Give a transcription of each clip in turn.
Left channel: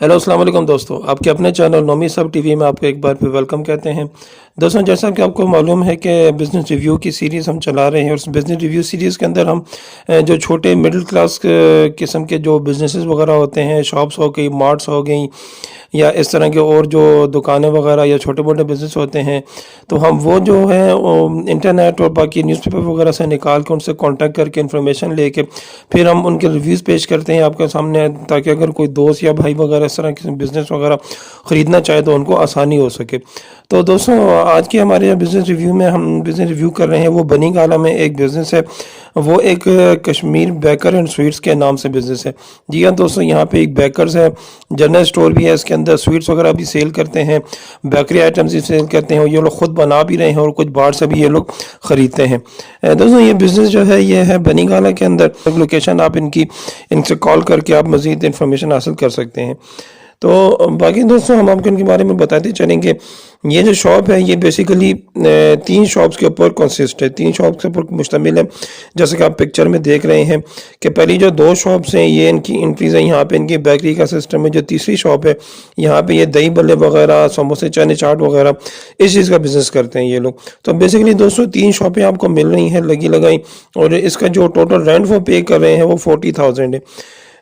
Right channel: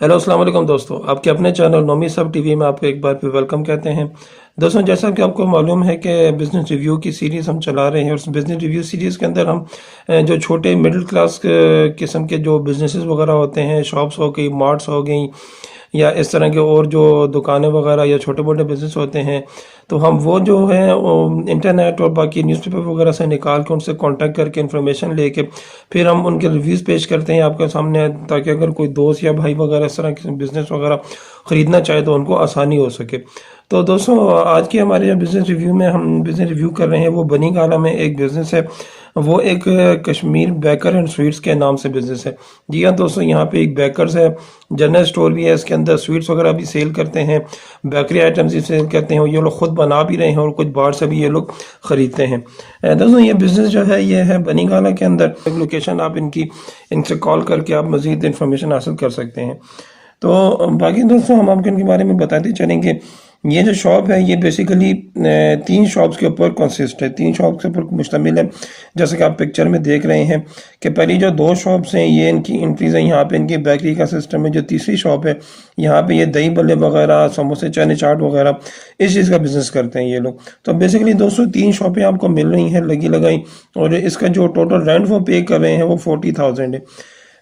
Hello अस्सलाम वालेकुम दोस्तों, आपके अपने चैनल नोमी सब टीवी में आपको एक बार फिर वेलकम कहते हैं। दोस्तों, जैसा कि आपको मालूम है कि बिज़नेस रिव्यू की सीरीज़ हम चला रहे हैं और उस बिज़नेस रिव्यू सीरीज़ के अंदर हम जो छोटे मिडिल क्लास किस्म के जो बिज़नेसेस वगैरह होते हैं, शॉप्स हो गई, मार्ट्स हो गई या इस तरह के और जो दुकानें वगैरह या छोटे मोटे बिज़नेस होते हैं, तो हम वो जो है वो इंटरनेट और बाकी न्यूज़पेपर वगैरह से निकाल के उनसे कांटेक्ट करके इन्फॉर्मेशन लेके फिर हम उनके रिव्यूज़ पेश करते हैं आपके सामने, ताकि अगर कोई दोस्त या भाई वगैरह इस तरह के बिज़नेस वगैरह ख़रीदना चाहे तो उनको आसानी हो सके। तो दोस्तों, आज के हमारे बिज़नेस रिव्यू में हम बिज़नेस रिव्यू कर रहे हैं, वो बनी गाला में एक बिज़नेस है। वो एक कश्मीर बेकर एंड स्वीट्स के नाम से बिज़नेस है। जी हाँ दोस्तों, यहाँ पे एक बेकर्स है, जनरल स्टोर भी है, इसके अंदर स्वीट्स वगैरह भी सेल करते हैं, बेकरी आइटम्स भी सेल करते हैं और ये लोग खुद बना भी रहे हैं और कुछ बाहर से भी ये लोग ख़रीदते हैं। दोस्तों, ये बिज़नेस जो है ये है बनी गाला के अंदर। लोकेशन आप इनसे कॉल करके आप मज़ीद इन्फॉर्मेशन हासिल कर सकते हैं। तो बाकी दोस्तों, हम आपको इनके बारे में बताते चलेंगे। ये जो शॉप है ये बेसिकली 3 शॉप्स के ऊपर कंसिस्ट है, 3 शॉप्स के ऊपर मुश्तमिल है। जैसे कि आप पिक्चर में देख रहे हैं कि पहली जो 2 शॉप्स हैं ये इनकी एंट्रीज है, यहाँ पे इनकी बेकरी का सिस्टम है। जो तीसरी शॉप है यहाँ पे ये दही बल्ले वगैरह, समोसे, चने चाट वगैरह इस चीज़ का बिज़नेस करते हैं ये लोग। तो बेसिकली दोस्तों 3 शॉपें आपको मिल रही हैं लगी लगाई, और इसका जो टोटल रेंट वो पे कर रहे हैं वो 40,000 है।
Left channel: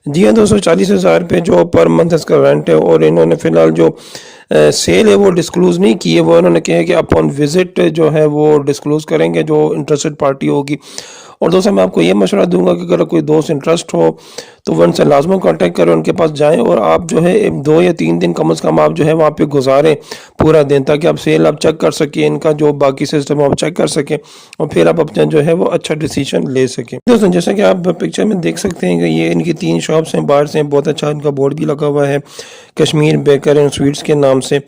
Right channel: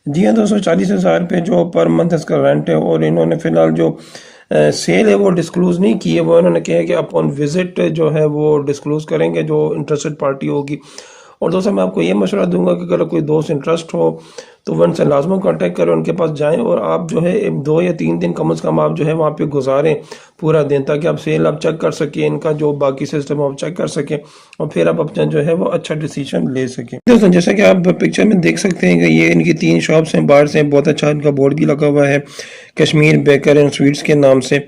जी हाँ दोस्तों, 40,000 रुपये जो पर मंथ इसका रेंट है। और इन्होंने फ़िलहाल जो सेल है वो डिस्क्लोज़ नहीं की है, वो इन्होंने कहा है कि अपॉन विज़िट जो है वो डिस्क्लोज़ करेंगे जो इंटरेस्टेड पार्टी होगी। और दोस्तों, मैं आपको ये मशवरा दूंगा कि अगर कोई दोस्त इंटरेस्ट हो तो वो उनसे लाजमी कांटेक्ट करें, उनके पास जाएं और आप जो है 2 या 3 दिन कम से कम आप जो है वहाँ पे गुजारें पूरा दिन, ताकि आप सेल आप चेक कर सकें, इनका जो बाकी सिस्टम है आप चेक कर सकें और फिर आप अपना जो है वो अच्छा डिसीजन ले सकें। दोस्तों, जैसा कि आप पिक्चर में देख सकते हैं कि ये इनकी 3 शॉप्स हैं, बाहर से बहुत अच्छा इनका बोर्ड भी लगा हुआ है कश्मीर बेकर एंड स्वीट्स के नाम से।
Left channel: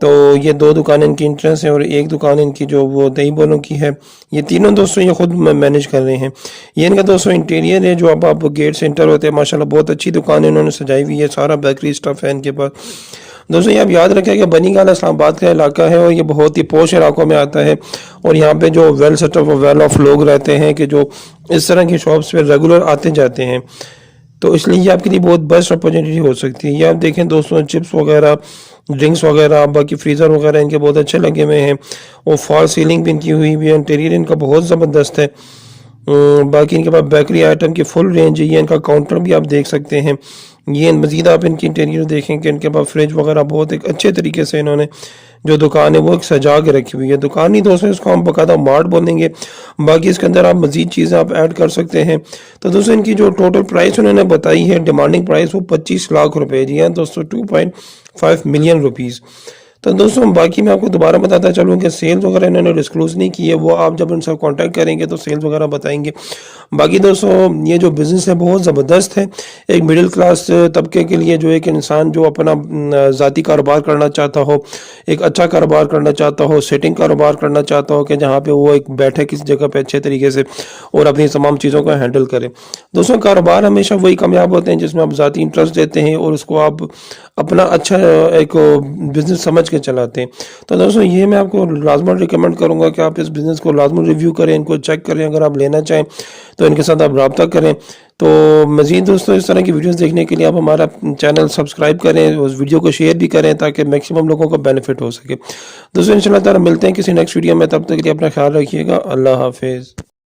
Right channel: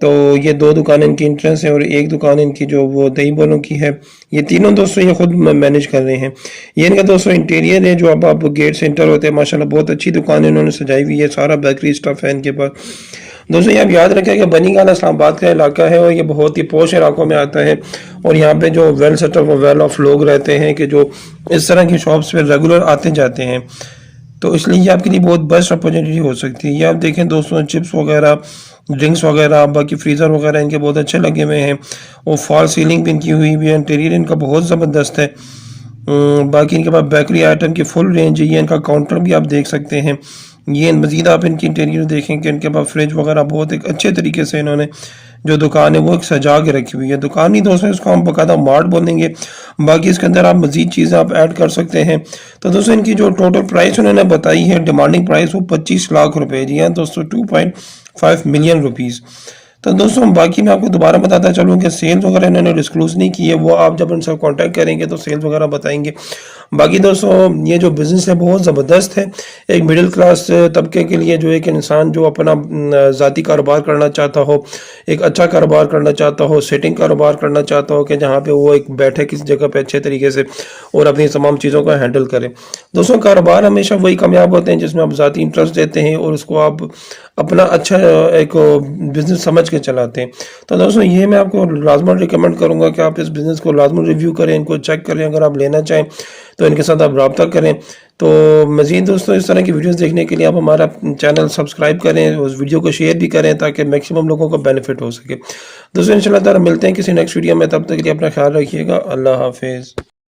तो ये 2 दुकान इनकी इंट्रेंस है और एक दुकान इनकी जो वो दही बलों की है। ये तीनों दोस्तों ये खुद मैनेज कर रहे हैं। ये इनका दोस्तों इंटीरियर है, जो अब आप गेट से एंटर होते हैं, माशाल्लाह बहुत अच्छी दुकान है इन्होंने सजाई हुई है, सारा बेकरी स्टफ है इनके पास। दोस्तों, ये आप याद रखें कि बनी गाला इस्लामाबाद का इलाका है और ये बहुत ही पोश इलाकों में आता है। और यहाँ पे जो वेल सेटअप और वेल ऑफ लोग रहते हैं कि जो इस तरह की शॉप्स पे रेगुलर आते जाते हैं, तो इसलिए ये आपके लिए बहुत बेस्ट अपॉर्चुनिटी हो सकती है। ये आप देखें दोस्तों, चिप्स वगैरह, ड्रिंक्स वगैरह, बाकी फ्रीज़र वगैरह इनके बहुत अच्छे लगे हुए हैं और फॉल सीलिंग भी इनकी हुई है। इंटीरियर इनका बहुत ज़बरदस्त है। बाकी इनके पास बेकरी आइटम की फुल रेंज है। ये इनका काउंटर भी आप देख सकते हैं। ये मज़ीद आप इनकी इंटीरियर देखें कि इनके पास फ्रिज वगैरह बहुत एक अच्छे तरीके से इन्होंने जो दुकान है वो एक सजा के रखी हुई है। दुकान ही दोस्तों इसको हम बाकायदा मार्ट बोलेंगे। बाकी इसके अंदर आप मज़ीद चीज़ें आप ऐड कर सकते हैं। तो दोस्तों, इनकी जो टोटल प्राइस उन्होंने बताई है, डिमांडिंग प्राइस, वो 25 लाख रुपए जी है दोस्तों, 2.5 मिलियन रुपीज़। तो दोस्तों, बाकी मैं आपको दोबारा बताता चलूँ कि सेल्स वगैरह इन्होंने डिस्क्लोज नहीं की है, वो आप जब उनसे कांटेक्ट करेंगे तो सेल्स वगैरह बताएंगे। बाकी दोस्तों, ये जो बिज़नेस है बहुत ज़बरदस्त है एक मिडिल क्लास तबके के लिए। जो एक इंसान जो अपना ज़ाती कारोबार करना चाहता हो, एक अच्छा कारोबार करना चाहता हो, सेटिंग कारोबार करना चाहता हो कि जहाँ पे वो एक बैठे किसी जगह पे अच्छे तरीके से और अपनी तमाम चीज़ों को हैंडल करे। दोस्तों, कारोबार हमेशा वही कामयाब होते हैं जिसमें आप ज़ाती इंटरेस्ट देते हैं और उसको आप अपना अच्छा एक बिज़नेस समझ के चलाते हैं। तो दोस्तों, ये मैं आपको लाजमन रिकमेंड करूँगा कि आप इस बिज़नेस को लाजमन रिव्यू करें, इनको चेक करें। अगर आप लेना चाहें तो इनके साथ आप रब्ता करें। तो मज़ीद दोस्तों, इस तरह की वीडियोस देखने के लिए आप हमारा चैनल सब्सक्राइब करें, उस वीडियो को शेयर भी करें ताकि मैक्सिमम लोगों को बेनिफिट हो सके। दोस्तों, इंशाल्लाह ताला मिलते हैं किसी नेक्स्ट वीडियो में, तब तक के लिए अपना ख्याल रखिएगा। अल्लाह हाफिज़।